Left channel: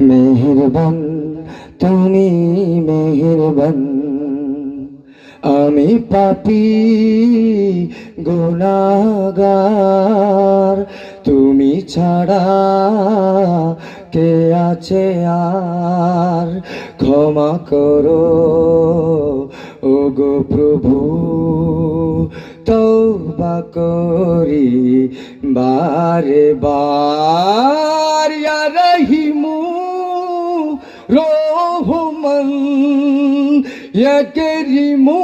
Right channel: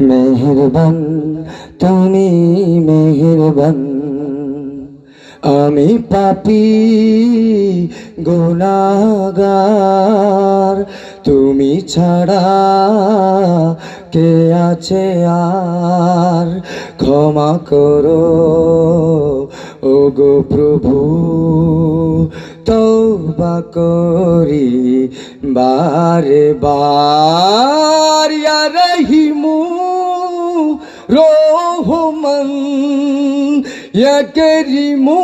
মেহেরবান, তুমি মেহেরবান। আমি পাপি, গুনাগার। তুমি ছাড়া কে আছে আর? ক্ষমা করো ও গো প্রভু। তৌবা করি বারে বার করিমু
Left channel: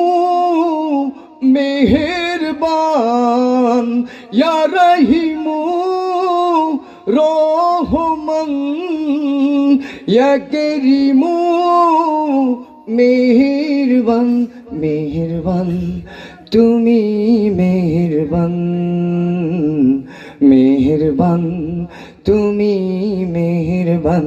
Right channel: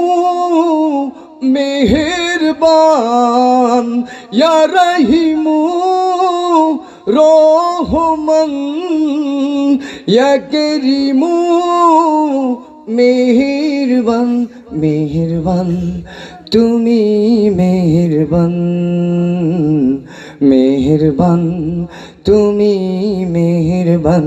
মেহেরবান রহিমু রহমান করিমু মেহেরবান মেহেরবান তুমি মেহেরবান মেহেরবান তুমি মেহেরবান।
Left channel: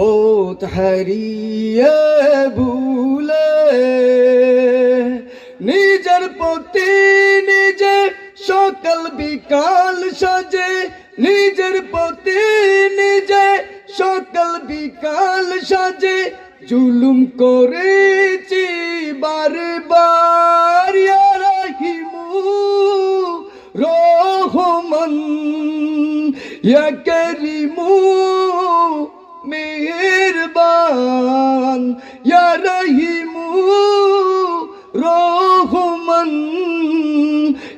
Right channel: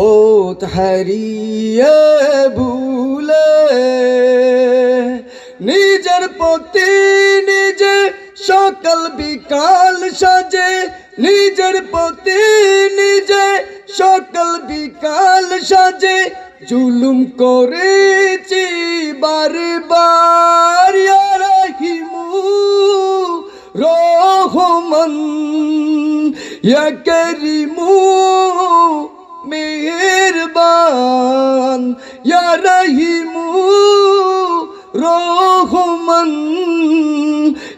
পথ হারিয়ে ভুলে নিজের পতি নিজে সকাল বিকাল সাজে নিজের পতি নিজে সকাল বিকাল সাজে জুলুম করেছি বারে বার ইয়া রাহিমু রহমান ইয়া করিমু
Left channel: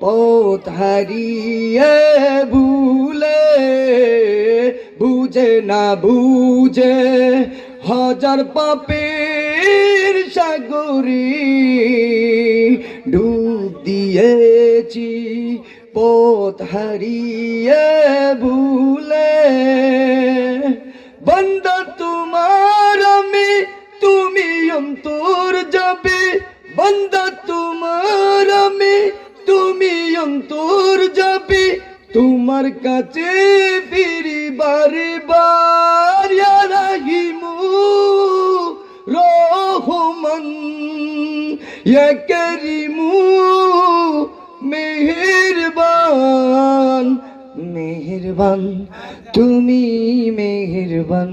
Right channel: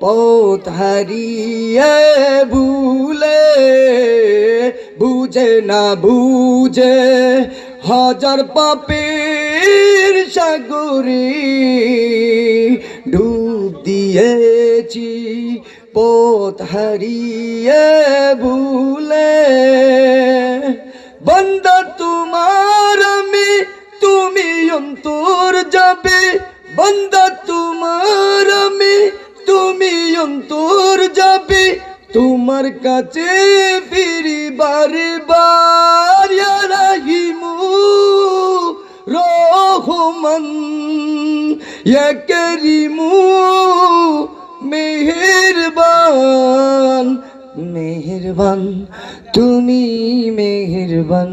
পথ হারিয়ে ভুলে বুঝে না বুঝে হাজার পাপের সাগরে ডুব দিয়েছি পথ হারিয়ে ভুলে বন্দা তোমার আমি তুমি অন্তর যাবে বন্দা তোমার তোমার কাছে ফিরি বারে বার রাহিমু রহমান করিমু মেহেরবান মেহেরবান তুমি মেহেরবান।